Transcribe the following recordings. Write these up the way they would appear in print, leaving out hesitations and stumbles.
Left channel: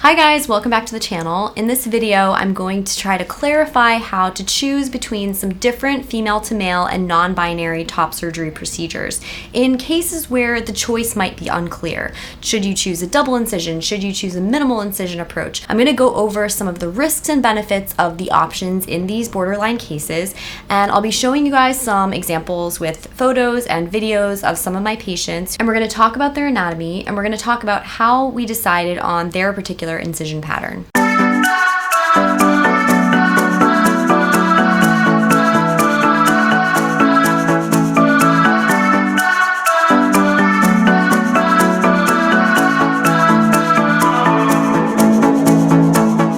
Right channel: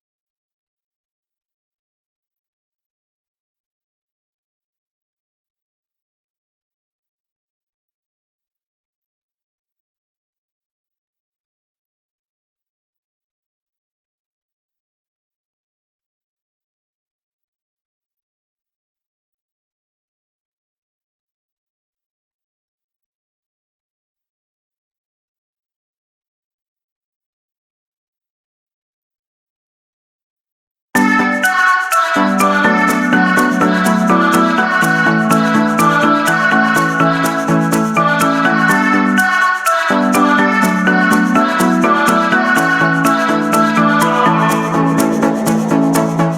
Hi guys, welcome back to the channel. In this video, I'm going to try to clarify how to choose between some different female to male and non-binary top surgery procedures in cases where the choice might be unclear. Should you choose a double incision? Should you choose a minimal incision approach? I'm going to go over some of the risks and benefits of the options in these borderline cases, and I'll be showing you guys some examples with photos and videos of some of my patients, and we're going to talk about their anatomy, and we're going to talk about how we decided on their particular incision pattern.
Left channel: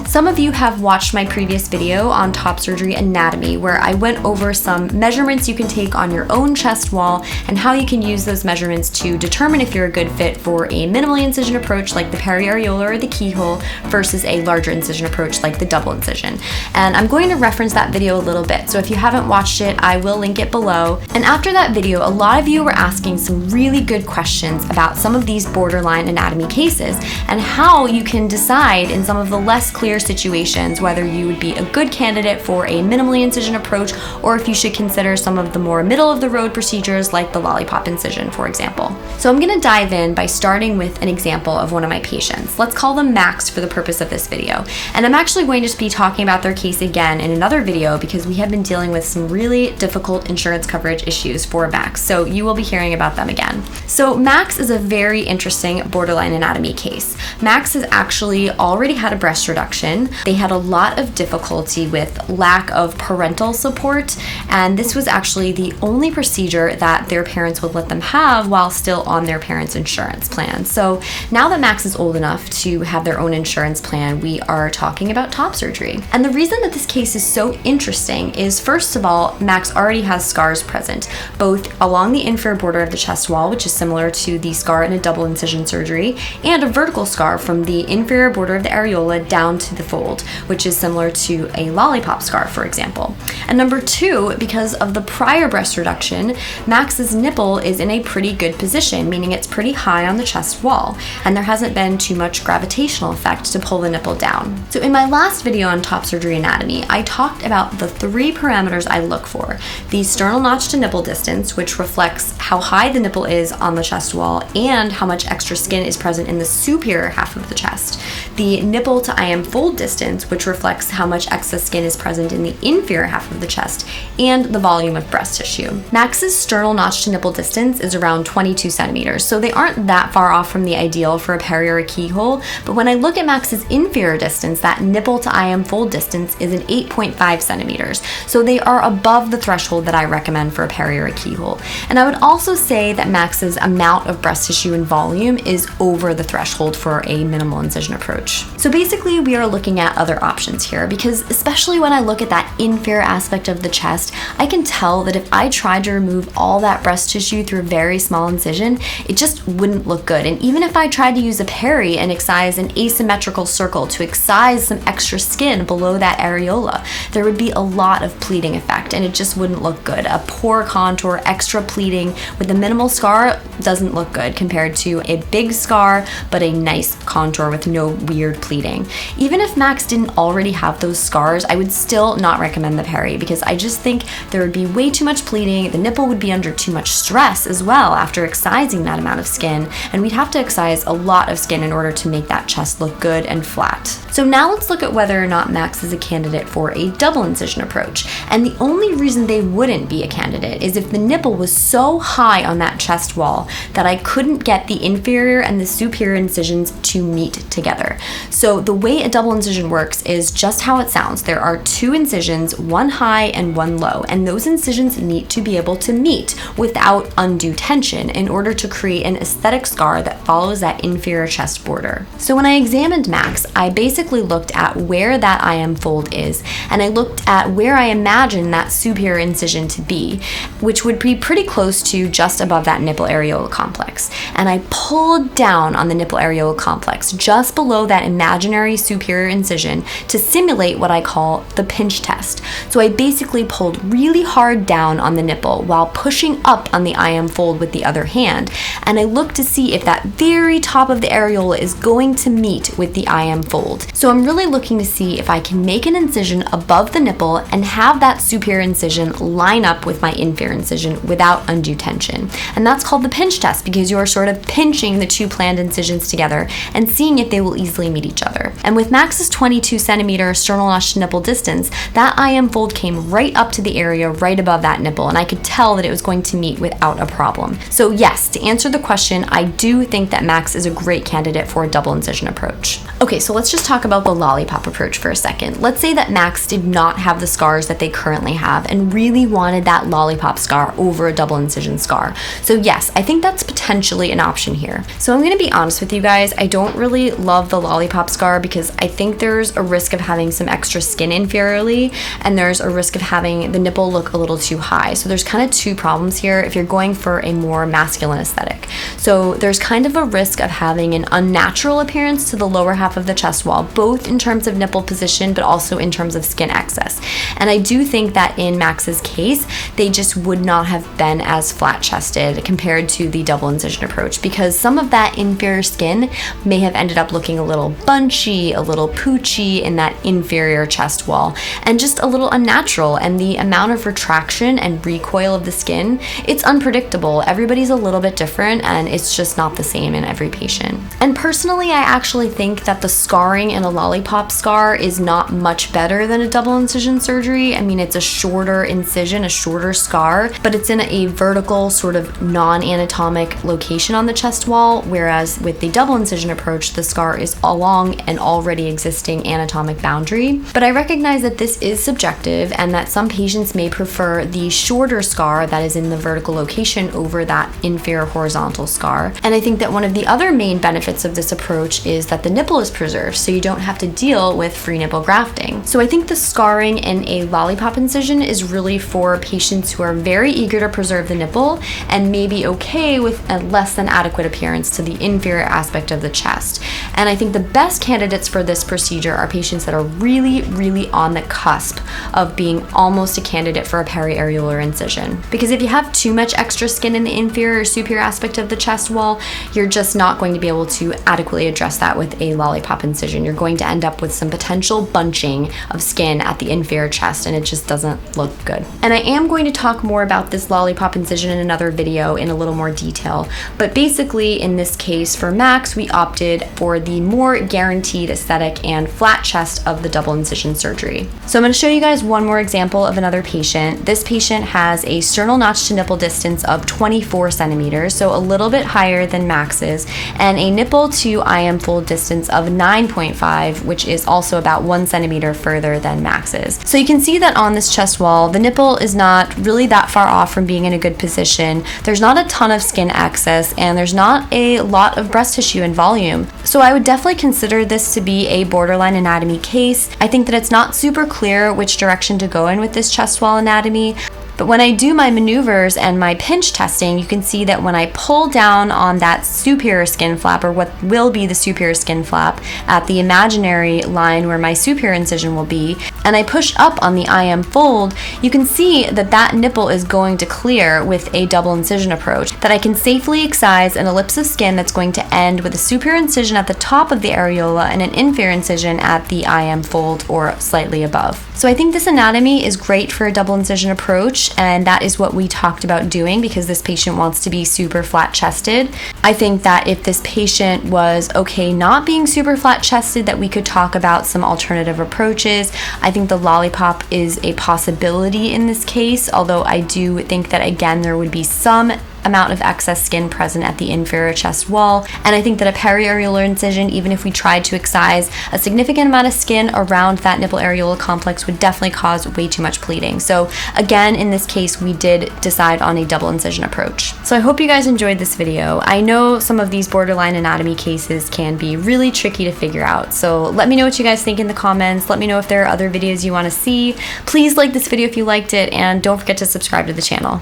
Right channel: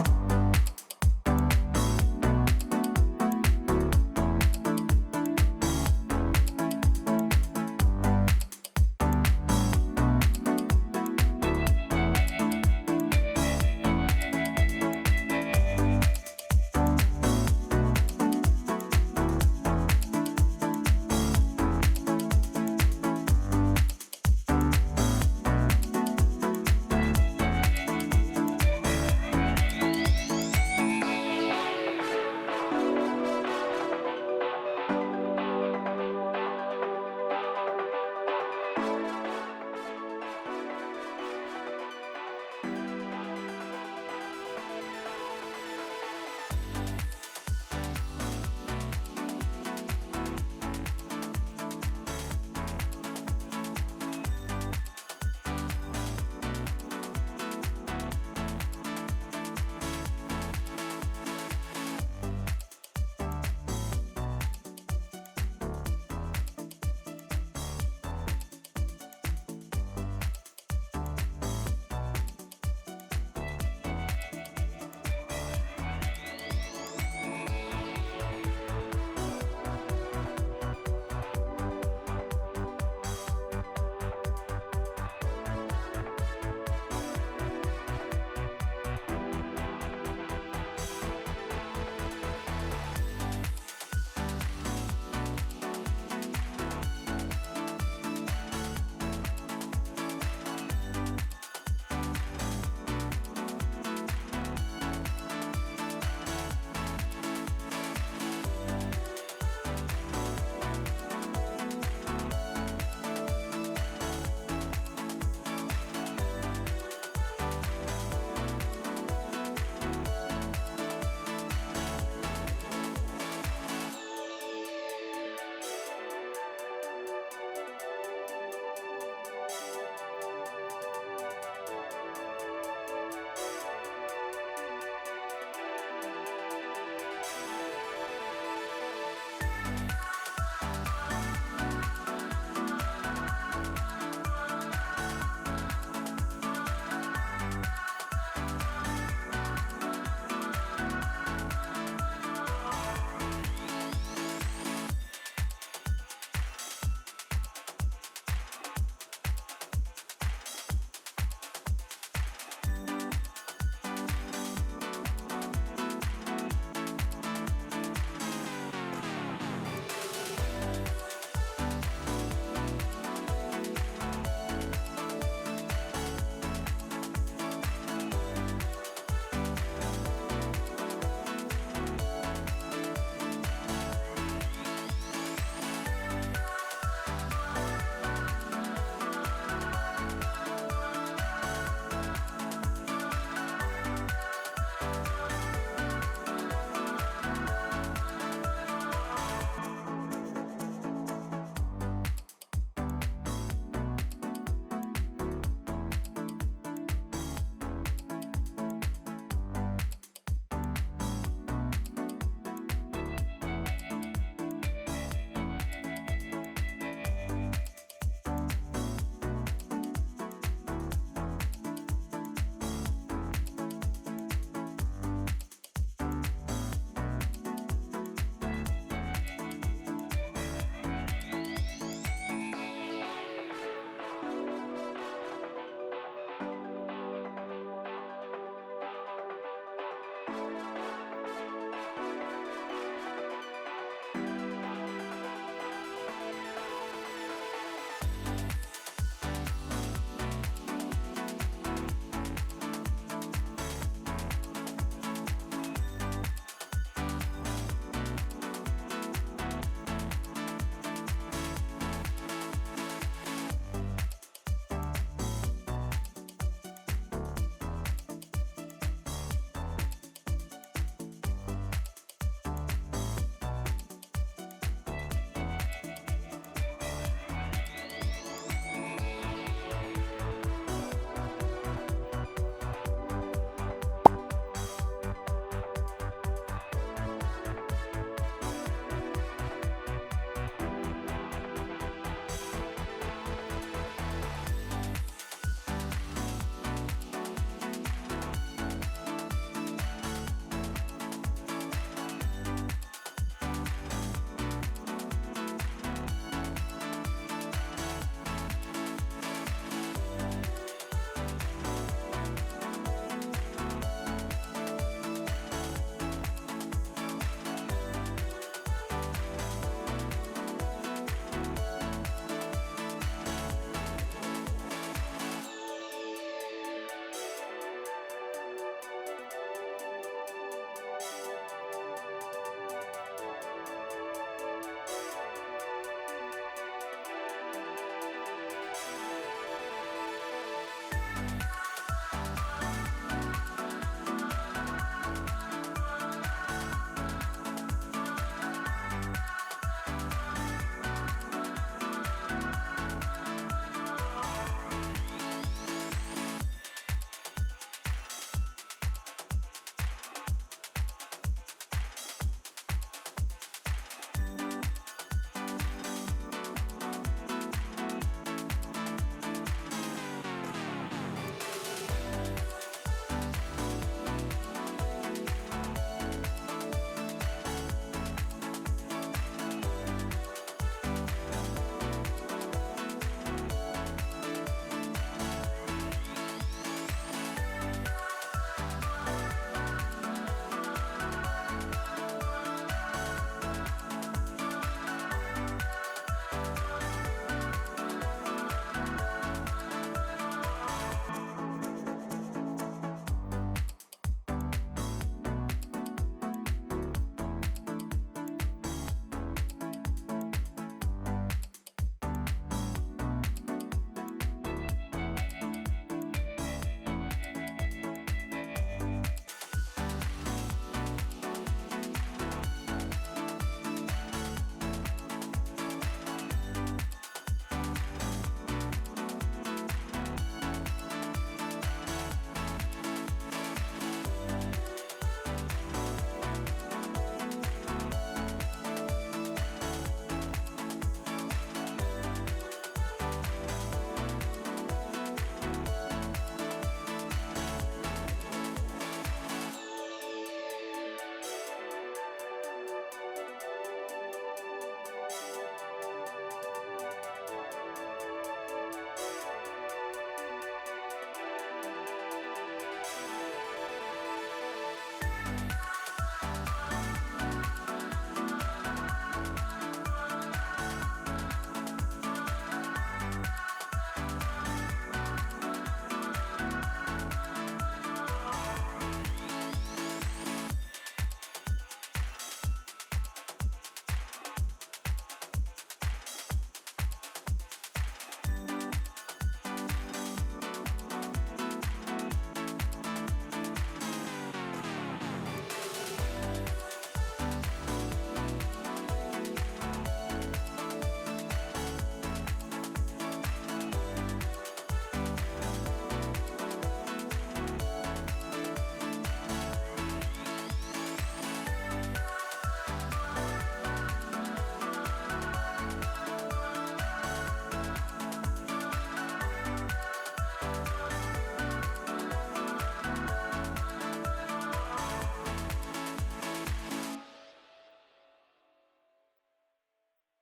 Some of you have watched my previous video on top surgery anatomy, where I went over some measurements you can take on your own chest wall and how you can use those measurements to determine if you're a good fit for a minimally incision approach like the periareolar or the keyhole versus a larger incision approach like the double incision. And I'm going to reference that video a little bit, so if you haven't watched it, I will link it below. And after that video, a lot of you were asking some really good questions about some of these borderline anatomy cases and how you can decide in some of the less clear situations whether you would be a good candidate for a minimally incision approach or if you should consider some of the more middle of the road procedures like the lollipop incision, for example. So I'm going to dive in by starting with an example of one of my patients. Let's call them Max for the purpose of this video. And I'm actually going to be talking about their case again in another video because we have been dealing with some really difficult insurance coverage issues for Max, so you will be hearing about them again. So Max is a very interesting borderline anatomy case. Max has actually already had a breast reduction. They had a lot of difficulty with lack of parental support, and this was actually the only procedure that their parents would let them have while still on their parents' insurance plan. So now that Max is old enough to have their own insurance plan, we are talking about top surgery. And the reason that this case is so interesting is, first of all, Max already has scars present, both along the inferior border of the chest wall, which is similar to the scar in a double incision surgery, and a vertical scar from the inferior border of the areola down to the fold, which is similar to a lollipop scar, for example. And number two, because of the prior breast reduction, Max's nipple is in a pretty good position, meaning it's pretty high on the chest wall, and there hasn't been too much gravitational effect to pull the nipple down. So in my last video on top surgery anatomy, I talked about the three parameters I look for: the sternal notch to nipple distance, which reflects how high the nipple is on the chest wall and how much extra skin is present in the superior half of the chest; the nipple to IM fold distance, which reflects how much excess skin is present in the inferior half of the chest; and the volume of breast tissue. Max's sternal notch to nipple distance is around 22 centimeters, so they aren't that far off from the ideal for a peri or a keyhole, but when I look at Max's inferior distance, that nipple to IM fold distance is an 8.5 centimeters, so they are above the threshold that I recommend for a peri or a keyhole. And I would also say that Max's amount of breast tissue and volume is over the threshold for a minimal incision approach. So basically, we are looking at other options here, because especially when I look at that inferior aspect of the chest, I can tell that if I tried to remove all that breast tissue through a very small incision, it just wouldn't look good. And even if I tried to use a peri and excise an asymmetrical circle to excise some extra skin below that areola, there would be a lot of pleating effect and it just wouldn't look good. A poor contour, extra pleating with a minimal scar doesn't look good compared to a big scar but a nice contour with no weird pleating. Even if Max didn't already have those scars, I would still not recommend the peri because I just think there would be way too much pleating, the nipple would be under too much stress as well after excising that amount of skin, and we'd have to excise a lot of skin in order to make that chest look good and flat. So now let's look at whether or not Max is a candidate for a double incision approach. And the only reason they wouldn't be a candidate is if the nipple was so high on that chest wall that I couldn't get the inferior and the superior incisions to meet together. So the way a double incision works is just how it sounds. There are two incisions, one high and one low, and those incisions need to be able to meet without undue tension in order to create an aesthetic scar that follows that inferior chest border. So when I examined Max, I basically basically looked at where that IM fold is, and I looked at where I imagine that superior incision to be, which would be pretty close to just above that nipple areola complex. And I pulled down on the nipple areola complex, just below that imaginary superior incision, to simulate what I call the pinch test. So I basically pulled really hard down on the nipple while pushing up on the IM fold with the other hand, and I looked to see if that very top of the areola is going to meet with the IM fold. So I'm really looking to see if I can make an incision above the nipple and have that superior incision line up with my inferior incision without undue tension. And that's called the pinch test, because you're sort of pinching the two planned incisions together and seeing if they will easily meet each other. And with Max's 22 centimeter sternal notch to nipple distance, that IM fold came right up to the area right above that nipple, and I could tell that it was going to meet without a problem. So yes, to answer the question, I do think that Max is a great candidate for a double incision approach. Okay, so let's just talk about the lollipop approach for a second. Let's say that Max did not have the scars that they currently have and really wanted that lollipop scar over a double incision scar. So yes, I think that's potentially an option here. So I'm gonna be honest with you guys, I don't really love the lollipop scar because I think there's a risk of having some extra skin inferiorly, and there's a risk of having the nipple look a little too high. So there's kind of two problems here if you're going for a more masculine aesthetic. So there's kind of a risk of having an unnatural appearance to the lower half of the chest wall, both in terms of nipple position, but also in terms of skin excess. And I do think that in Max's case, they just would not have been as flat chested compared to the double incision approach, because some of that inferior skin may have ended up looking a little bunchy, a little poochy in that inferior chest wall, and just a little unnatural. And the amount of retraction and recoil of the skin, it's unpredictable. Everybody's a little bit different, and it's just not the same in every patient. And personally, I actually think that the scarring in a lollipop scar is not much better than a double incision surgery. I mean, it's a shorter incision, a shorter scar, but it's in a vertical sort of non-anatomic location on the chest wall, whereas with the double incision approach, the scar is along an already existing anatomic boundary. But I recognize that this is subjective and that some patients may prefer the shorter scar that is in the vertical location over that inferior horizontal scar. And I think that one of the other main benefits of this approach is that the nipple is preserved, so you don't have to deal with free nipple grafting. So I think the scarring in a lollipop incision is really for patients who are very eager to preserve the nipple and may be okay with a less than adequate appearance to the inferior aspect of the chest. And I think the best candidates for this procedure are patients that are really, really on the cusp of being almost a candidate for a periareolar incision. Because if you have too much extra skin in the inferior or superior aspect of the chest wall, you're just not going to be able to adequately address that with a lollipop incision. You're going to end up with some potential bunching of skin at the inferior chest, and it just doesn't look good. And I am going to talk more about this lollipop incision in another video in a little more detail, but basically in this case for Max, we opted for the more guaranteed aesthetic and flat chest of the double incision surgery. So I'm going to show you guys one more example of another patient. This patient has a sternal notch to nipple distance of 24 centimeters, so a little bit higher than Max's, and a nipple to IM fold distance of 9.5, which is also about 1 centimeter further than Max's. So you can see that on this chest wall, the nipple is not really that far off from being in a good position. There's not a ton of skin excess, and there's not a lot of breast tissue and volume. So I would definitely consider this to be a borderline anatomy case. I think that it's not super clear which direction to go in with this chest wall anatomy. But when I do my maneuvers and my pinch testing, you can see that when I pull down on that superior skin flap, or what will be the superior skin flap, at the imaginary line where my superior incision will be, and I push up on the IM fold, you can see that that nipple is going to clear with a double incision approach, that I can safely excise an ellipse of skin that's going to end with a superior incision at the top of the areola and an inferior incision at the IM fold or slightly above. So I think this anatomy is great for a double incision approach, and that is what we talked about doing because this patient wants to be super flat chested. I think that if this patient was okay not being super flat chested, that we could talk about some alternative approaches. I think the lollipop is a possibility in this case, although I do think that again there would be some amount of excess skin present at the inferior chest wall. And I think that a periareolar incision, even if we tried to excise a significant amount of skin around that nipple areola complex, would definitely cause way too much bleeding. So again, in this case, we did decide on a double incision approach. So I hope you guys enjoyed this video. I know some of these borderline anatomy cases can be really tricky to figure out. So let me know what you guys think in the comments. Let me know if there are other videos you want to see. Please like this video if you liked it, and don't forget to subscribe to the channel.